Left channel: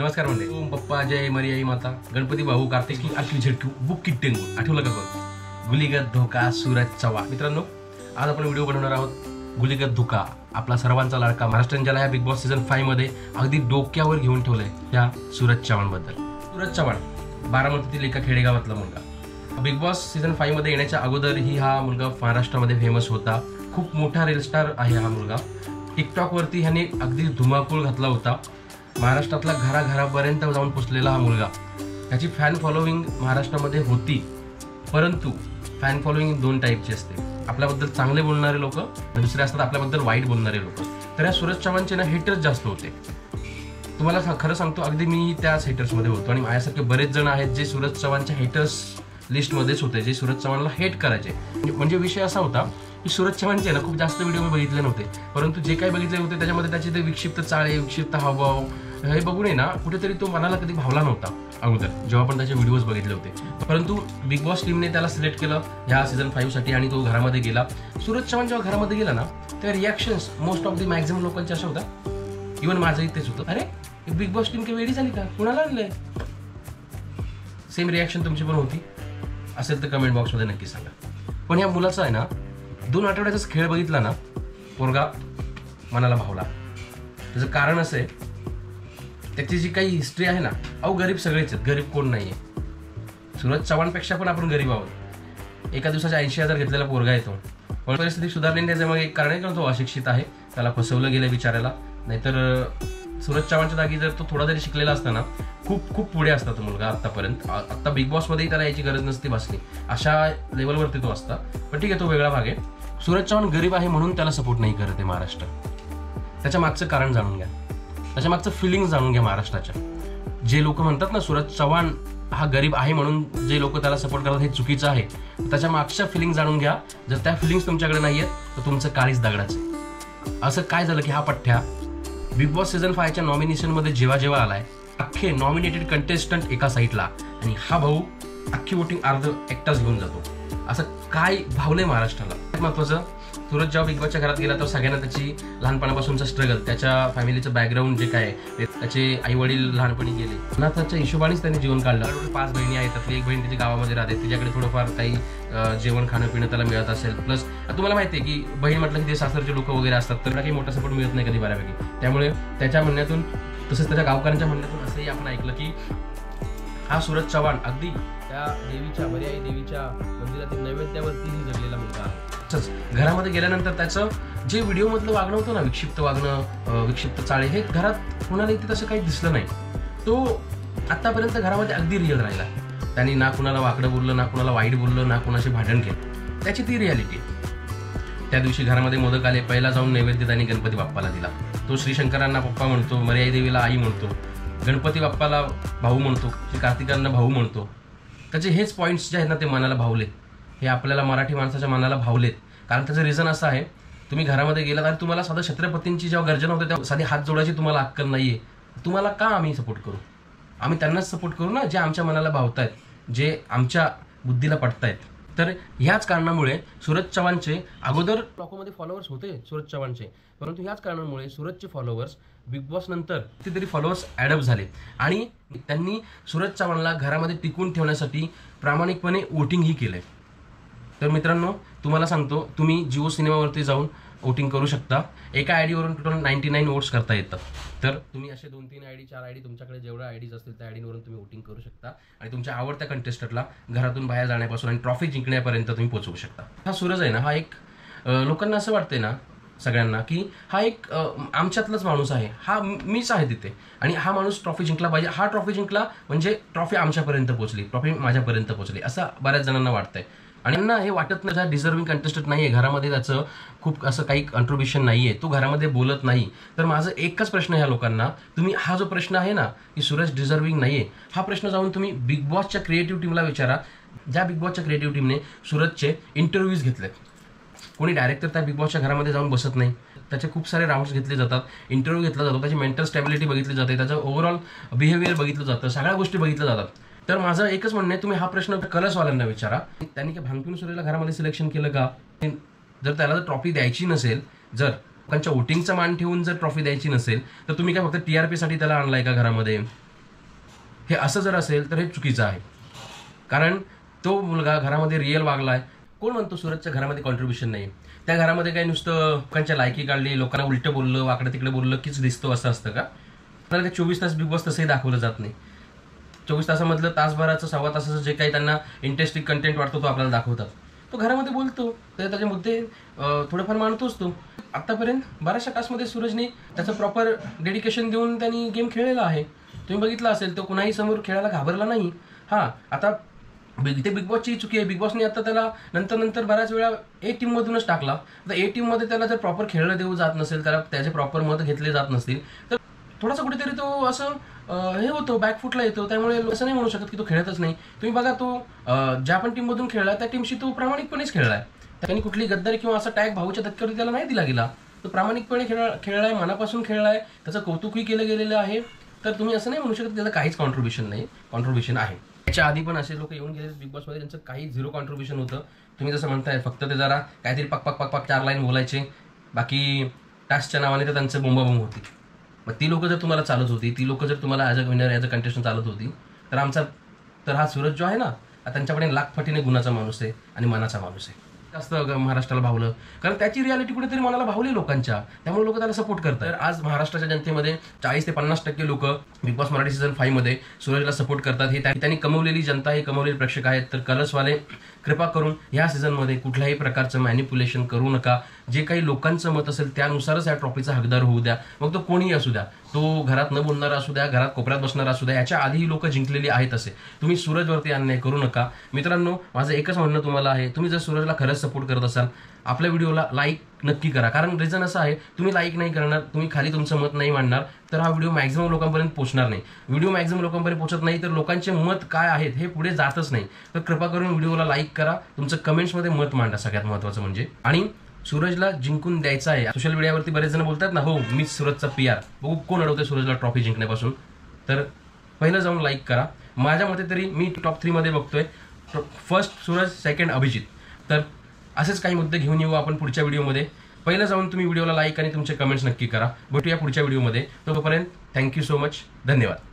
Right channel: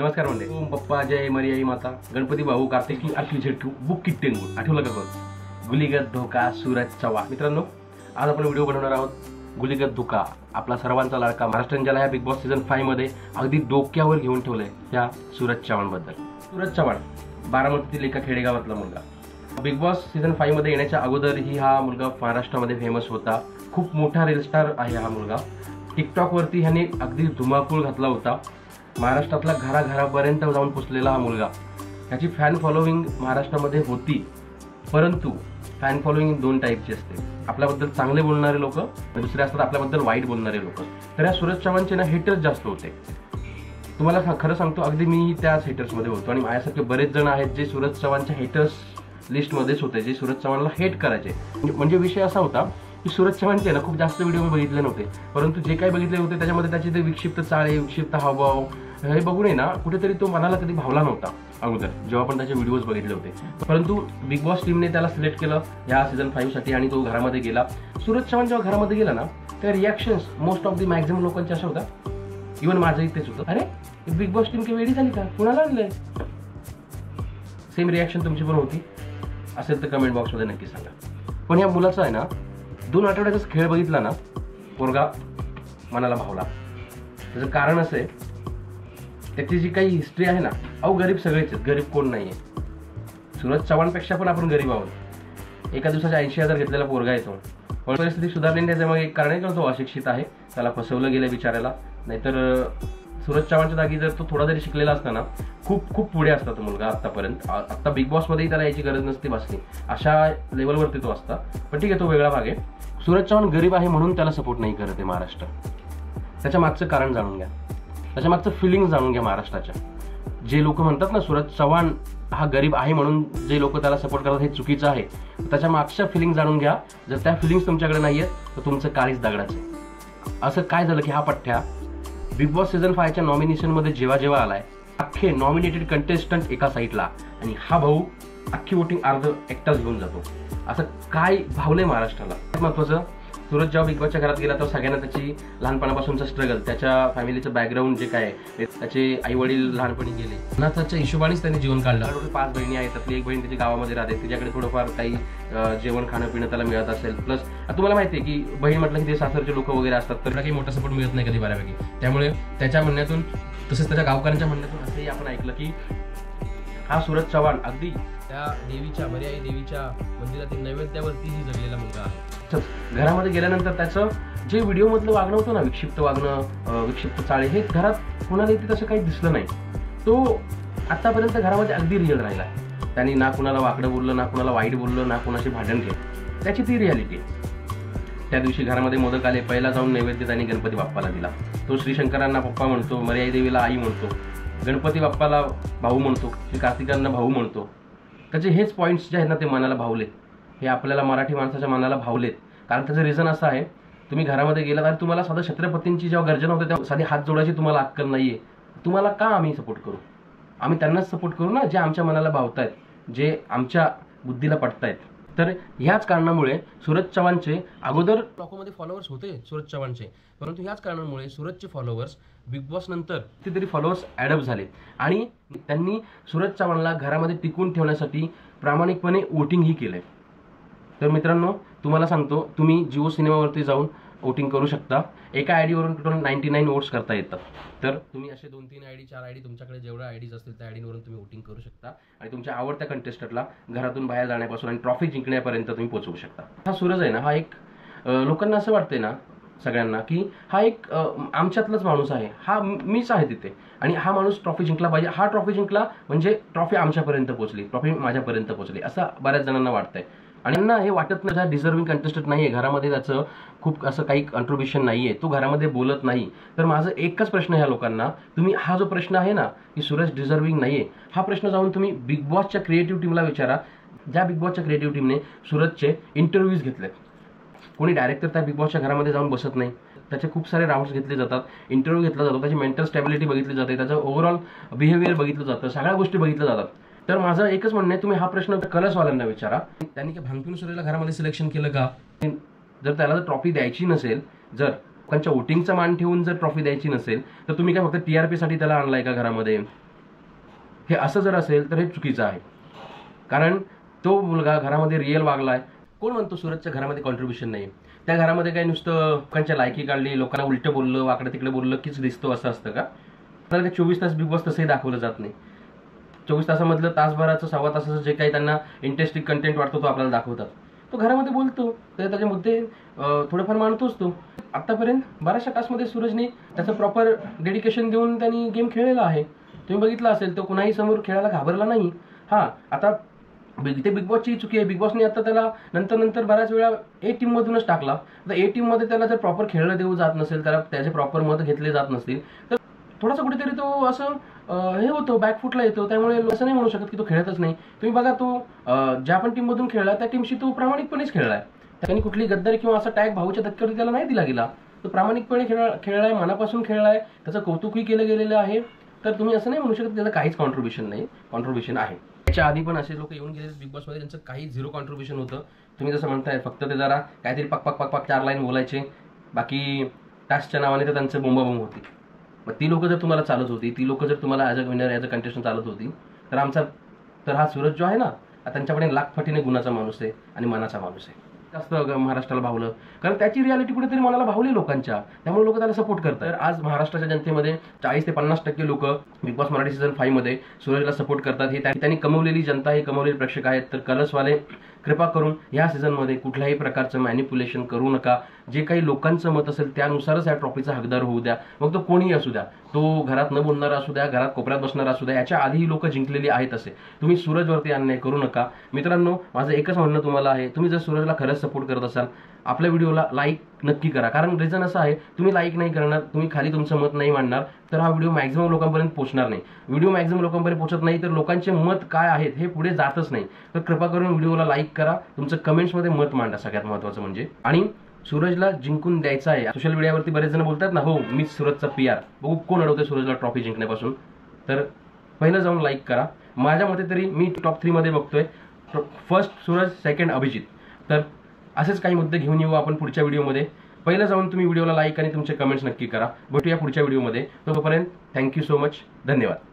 नमस्कार म्हणते ओम पप्पा जय मरियाई माता गणपती भाऊ कार्तिकी आखी झटकू बुक किट्टेंगू आठवलं का बघ गुलीगत धोका सूरज चव्हाण. मित्रांनो आज आपण व्हिडिओ बनवणार आहोत गुलीगत धोका आपला सर्वांचा लाडका महाराष्ट्र ज्याला ह्या बिग बॉस सीझन 5 मध्ये अगदी डोक्यावर घेऊन ठेवलंय त्या सूरज चव्हाण बद्दल. सूरज चव्हाण बारामतीतील एका खेडेगावातला मुलगा. बिग बॉस सीझन 5 मध्ये येण्याच्या अगोदरही हा मुलगा महाराष्ट्रामध्ये फेमस होता. खूप मोठा रील स्टार आहे हा मुलगा. टिकटॉक वरती ह्याने अगदी धुमाकूळ घातला होता. महाराष्ट्रातल्या घराघरापर्यंत जाऊन पोचलेला हा मुलगा. त्याची फॅन फॉलोविंग महाराष्ट्रामध्ये होती, परंतु फॅन फॉलोविंग दोन टाईपची असते. आपल्याबद्दल चांगले बोलणारे लोक, दुसरे असतात आपल्याबद्दल वाईट बोलणारे लोक. तर या सूरज चव्हाणचे ना हेटर्स जास्त होते. तुम्हाला खरं सांगतो, अगदी मी त्याच हेटर्समध्ये होतो आणि माझ्यासारखे बरेच जण आहेत जे सूरज चव्हाणच्या हेटर्स लिस्टमध्येच होते, जे सूरज चव्हाणला हेट करायचे. म्हणजे विषय असा होता की सूरज चव्हाणचे ना खूप जास्त व्हिडिओ मी बघितले नव्हते, परंतु जे काही बघितले होते त्याच्यामध्ये त्याचे ते विक्षिप्त चाळे, विक्षिप्त हावभाव हे बघून आहे ना कुठेतरी तो मनाला कधी भावला नव्हता अगोदर, जेव्हा आपण त्याचे व्हिडिओज बघितले होते. परंतु बिग बॉस टीमने त्याला सिलेक्ट केलं ह्या सीझन 5 साठी आणि तो घरामध्ये गेला. सूरज चव्हाण जेव्हा घरामध्ये गेला ना, त्या reactions most of the maximum लोकांच्या अशा होत्या, इव्हन माझंही तेच होतं, अरे बिग बॉस टीम की वेडी झाली का, कुणाला आणलंय. सेम रिॲक्शन तुमची पण होती असेल तर कमेंट बॉक्समध्ये नक्की सांगा. पण या मुलाचा आहे ना 2 आठवड्याचाच खेळ बघितला ना, पोरगा मनाला भावला. त्याचं कारण असं आहे, त्याची जी काही हिस्ट्री आहे ना, अहो गरीब सगळेच आहेत, गरीब कोण नाही आहे. सूरज चव्हाणपेक्षा पण आपण गरीब आहोत. एका दिवसाच्या 80,000 घेतलेला पोरगा येतो. पण परिस्थिती सुधारली त्याचं मग एक कारण आहे की तो अशिक्षित आहे, त्याला फसवलं गेलं बिचारायला. नाहीतर सूरज चव्हाणच्या जागी जर तो थोडा जरी शिकलेला असता ना, खूप खूप पुढे असता तो मुलगा आतापर्यंत. आता बिग बॉसमध्येही त्याला याची गरज नसती भासली, अशा लेवलवरती तो असता. पण ठीक आहे, तो वेगळा भाग आहे. सूरज चव्हाण गरीब आहे म्हणून त्याला सपोर्ट नाही करत आहे महाराष्ट्र. त्याच्या मागचं कारण जाणून घ्या, त्याच्या मागचं फिलिंग जाणून घ्या महाराष्ट्राच्या. जे लोक म्हणतात ना सूरज चव्हाण हा गरीब आहे म्हणून जे लोक त्याला सपोर्ट करतात हे चुकीचं आहे. त्याच्या मागच्या फिलिंग जाणून घ्या. जर त्या फिलिंग्स तुमच्याकडे नाही आहेत तर तुमचं काळीच दगडाचं. असं काय झालं की हा पठ्ठ्या बिग बॉस सीझन 5च्या नॉमिनेशनमध्ये जेव्हा आलाय, अख्खे नॉमिनेटेड कंटेस्टंट एका साईडला आणि हा भाऊ अख्खी वोटिंग अर्ध एकटाच घेऊन जातो. असं काय भावलंय महाराष्ट्राला. महत्वाचं, सूरज जेव्हा बिग बॉसच्या घरात गेला तर सगळ्यांना त्याची लहानपणापासूनचा स्ट्रगल, त्याच्या फॅमिलीचं बॅकग्राऊंड जे काय आहे, त्याचे आई वडील लहानपणी गेले, अनाथाच्या हिशोबानेच त्यांनी जीवन काढलं. 5 बहिणी आहेत, त्यातली एक बहीण तिच्या गावामध्ये राहते, तिच्याकडे थोडंफार काही जेवण खाणं पिणं त्याला मिळत असेल. प्लस तुम्हाला माहिती आहे की बहीण म्हटलं की ते सासरचे लोक वगैरे असतात, तर काही मोठा सपोर्ट मिळत नाही कधी बऱ्यापैकी. त्यामुळे त्याच्या म्हणण्यातून तसंच त्याच्या गावकऱ्यांच्या म्हणण्यातून असंही आपण ऐकलं की हा सूरज चव्हाण अगदी त्या देवीच्या मर्याई देवीच्या मंदिरातील नैवेद्यावरतीही जगलेला मुलगा आहे. घरामध्ये गेल्यानंतर त्याचं जे व्हिडिओमधलं वागणं होतं ना, विक्षिप्त वागणं, विक्षिप्त चाळे, हे घरात कुणाला इथे तसं काही दिसलं नाही. तो आतापर्यंत घरामध्ये अगदी रिअल राहिला. त्यांनी ना कुणाला वाकडं बोललं, ना कुणाला वाईट बोललं, ना कुणाशी भांडण केलं. त्याची ती रियालिटी. त्या दिवशी घरामध्ये मोदक आले, पहिला जाऊन नैवेद्य त्यांनी गणपती बाप्पाला दिला. तो श्रीशंकरांना पप्पा म्हणतो, मर्याई देवीला आई म्हणतो, गणपती बाप्पाला भाऊ म्हणतो, श्री कार्तिकांना भाऊ म्हणतो. त्याचे हेच पॉईंट्स जे आहेत ना ते मनाला भावलेत. हे आपल्याला मराठी माणसाच्या मनाला भावलेत. कारण त्याचं रिझन असं आहे, तुम्ही घरामध्ये गेलात आणि तुम्हाला साधं छत्रपतींची जेव्हा गर्जना होते तेव्हा साधी हात जोडायची तुम्हाला अक्कल नाहीये. तुम्हाला का आम्ही सपोर्ट करू? आम्ही त्यांनाच सपोर्ट करू ना जे आमच्या मनाला भावतायत, जे आमच्या बुद्धीला पटतायत. तर ह्याच कारणामुळे सूरज चव्हाणचे अगोदर टॉकमध्ये फॉलोअर्स होते सूरज चव्हाणचे, परंतु ह्याच कारणामुळे सूरजचे फॉलोअर्स बिग बॉस नंतर कितीतरी फॉलोअर्स ॲडअप झाले आणि त्यांनी सूरज चव्हाणला घरामध्ये टिकून ठेवण्यासाठी प्रामाणिकपणे वोटिंगही केलंय. तर मित्रांनो, तुम्हाला सांगतो, तुम्ही जिओ सिनेमावरती जाऊन वोटिंग करू शकता. एका आयडीवरून टोटल 99 वोट्स करता येतात. तर तुम्ही असे 2-3 आयडी 4 आयडी तुमच्याकडे जेवढ्या आयडीज असतील त्या आयडीवरून तुम्ही वोटिंग करू शकता आणि तुमच्या आवडत्या कंटेस्टंटला घरातून बाहेर जाण्यापासून आणि ट्रॉफी जिंकण्यापर्यंत तुम्ही पोहोचवू शकता. हा सूरज आहे ना, हा एक लोकांना असं वाटतंय ना सगळ्यांना की हा एक आमच्यातलाच माणूस आहे, हा मीच आहे तिथे आणि हा माणूस ट्रॉफी जिंकला पाहिजे. हा ट्रॉफी जिंकला म्हणजे ट्रॉफी आमच्यापर्यंत पोहोचली, ट्रॉफी माझ्यापर्यंत पोहोचली, असं बऱ्याच जणांना वाटतंय. आणि त्यांना हे वाटत नाही, हा डिझर्विंग कंटेस्टंट नाही आहे, घरामध्ये त्याचं खूप असं काही कॉन्ट्रीब्युशन नाही आहे, तो घरामध्ये बोलत नाही. तर माझं एकच प्रश्न ह्या लोकांना, तुम्ही हा जो प्रश्न आहे ना की सूरज डिझर्विंग नाही आहे, हा प्रश्न जाऊन तुम्ही बिग बॉसच्या क्रिएटिव्ह टीमला विचारा. ज्या बिग बॉसच्या क्रिएटिव्ह टीमने सूरजचे इंटरव्ह्यूज घेतलेत. कोणी डायरेक्टर त्या बिग बॉसच्या घरामध्ये जाऊन बसत नाही. त्याचे खूप सारे राऊंड्स घेतले जातात, इंटरव्ह्यू घेतला जातो, त्याची मेंटल स्टॅबिलिटी बघितली जाते, त्याचं ओव्हरऑल बिहेवियर बघितलं जातं, सगळ्या गोष्टी बघितल्या जातात. तर माझं एकच म्हणणं आहे, तुम्ही हा प्रश्न कलर्सवाल्यांना विचारा, त्यांनी काय भांगपिऊन सूर्यला घरामध्ये सिलेक्शन केलं का? जर त्याला जर ट्रॉफी द्यायची नसेल, जर लोकांच्या वोटिंगचा मान ठेवून जर ट्रॉफी द्यायची नसेल, तर तुम्ही काय फक्त TRP साठी त्याला आणलाय का घरामध्ये? हे असं जर असेल तर हे चुकीचं आहे. कारण तो मुलगा घरामध्ये रिअल वागला आहे. कोण म्हणतो सूरजच्या घरामध्ये कॉन्ट्रीब्युशन नाही? त्या घरामध्ये काही नुसतं लोकांच्या लायकी काढली, लोकांना उलटं बोललं, वाकडं तिकडे बोललं कीच दिसतो असं असतं का? आपल्याला ते 24 तास बिग बॉस तसंही दाखवलं जात नाही. 24 तासामधलं तासभराचं, सव्वा तासाचं जे काही त्यांना इंटरेस्टिंग कंटेंट वाटतो तो आपल्याला दाखवतात. तो घरामध्ये बोलतो, तर त्याचे मुद्दे थोडेफार मांडतोच तो. आत्तापर्यंत बऱ्याचशा टास्कमध्ये सूरजने त्याचं प्रॉपर डेडिकेशन देऊन त्यांनी गेम खेळलेला आहे. तुम्ही बघितलं असेल, तो कुणाही समोर खेळायला घाबरला नाही. हां, आता ते बिग बॉसची चुकी आहे. बिग बॉसने आता त्याला नंतर बऱ्याच वेळा ए टीममधूनच टाकला. तर ए टीममध्ये त्याला जर प्रॉपर खेळलं देऊ जात नसेल, त्याला त्याचे प्रॉपर मत घेतले जात नसतील, तर थोडासा कुठेतरी तो असं हे होतो, बॅकफुटला येतो. त्यामुळे असं नाही म्हणू शकत की तो खेळतच नाही. तुम्ही बघा, तो ज्या पण टीममधून खेळला त्या टीमशी तो प्रामाणिकपणेच खेळलाय. त्यांनी कुठली गद्दारी किंवा असा टॅग भाऊच्या धक्क्यावरती त्याला नाही दिला गेला. तो प्रामाणिकपणे खेळलाय, मनापासून खेळलाय, त्याचं कौतुकही केलं गेलेलं आहे. तर तुम्ही असं नाही म्हणू शकत त्याला काहीच कॉन्ट्रीब्युशन नाही. कॉन्ट्रीब्युशन आहे. त्याच्या आधी पण असे लोक येऊन गेले बिग बॉसमध्ये, त्यांचं काही झिरो कॉन्ट्रीब्युशन होतं. तुम्ही जसं म्हणताय, फक्त ते जरा काहीतरी पक 4 लाईन बोलायचे, बाकी टास्कच्या नावाने तर त्यांचं बोंबाबोंब होती. मग ती लोक जर तुम्हाला चालत होती, ती लोक जर तुम्हाला as a winner, as a contestant चालत होती, तर हा सूरज जो आहे ना, त्यांच्याकडे लाखपटीने गुणाचा माणूस आहे आणि मनाचा माणूस आहे. जास्त महाराष्ट्राला भावलं, कारण त्याची रियालिटी कुठेतरी मनाला भावली लोकांच्या, त्यामुळे लोक त्याला सपोर्ट करतात. तर आज महाराष्ट्राच्या जनतेमध्ये 40 ते 50% लोक बिग बॉस मराठी सीझन 5 मध्ये सूरजला सपोर्ट करतात. हे त्यांनी कमवलेली जनता, हे कमवलेले प्रेक्षक आहेत. तर कलर्सवाले कृपा करून ह्या सीझनमध्ये कुठल्याही प्रकारचं मॅनिप्युलेशन करू नका. जे काही लोकांचं मत असेल त्यानुसारच या ट्रॉफीचा हकदार होऊ द्या. मग तो कोणीही असू द्या, तो घरात न बोलणारा असू द्या, घरात कोपऱ्यात बसणारा असू द्या, याच्या आधीही लोक जिंकलेली आहेत. असे तुम्ही सूरजवरती अन्याय करू नका. मित्रांनो, माझं एकच म्हणणं तुम्हाला आहे, तुम्ही जर सूरजला खरंच सपोर्ट करत असाल, आपल्या व्हिडिओला लाईक नक्की करा. कारण रिझन असं आहे, तुम्ही लाईक नाही करणार, तुम्ही खाली तुमचं मत नाही मांडणार, तर हा व्हिडिओ मॅक्झिमम लोकांपर्यंत पोहोचणार नाही. व्हिडिओ मॅक्झिमम लोकांपर्यंत पोहोचत नाही तर लोकांचे मत काय आहेत हे पुढे जातच नाही. तर कृपा करून व्हिडिओला लाईक करा, तुमचं कमेंट्समध्ये मत मांडा. सगळ्यात महत्त्वाचं म्हणजे, आणि सूरजला जिंकून द्यायचा आहे. सोशल मीडियावरती बरेच जण बोलतात ना, हो मीच सूरजचा PR. बघू कोण अडवते सूरजला ट्रॉफी जिंकण्यापासून. तर पहिलं जाऊन लाईक करा. माझ्या मते तरी मी टॉप 3 मध्ये बघतोय. First Suraj, second Abhijit. तर असेच काही मुद्दे घेऊन येऊ आपण पुढच्या व्हिडिओमध्ये. पहिलं जाऊन तुम्ही व्हिडिओला लाईक आणि तुमचे कमेंट्स नक्की करा. भेटूया पुढच्या व्हिडिओमध्ये. तोपर्यंत थँक्यू सो मच. धन्यवाद.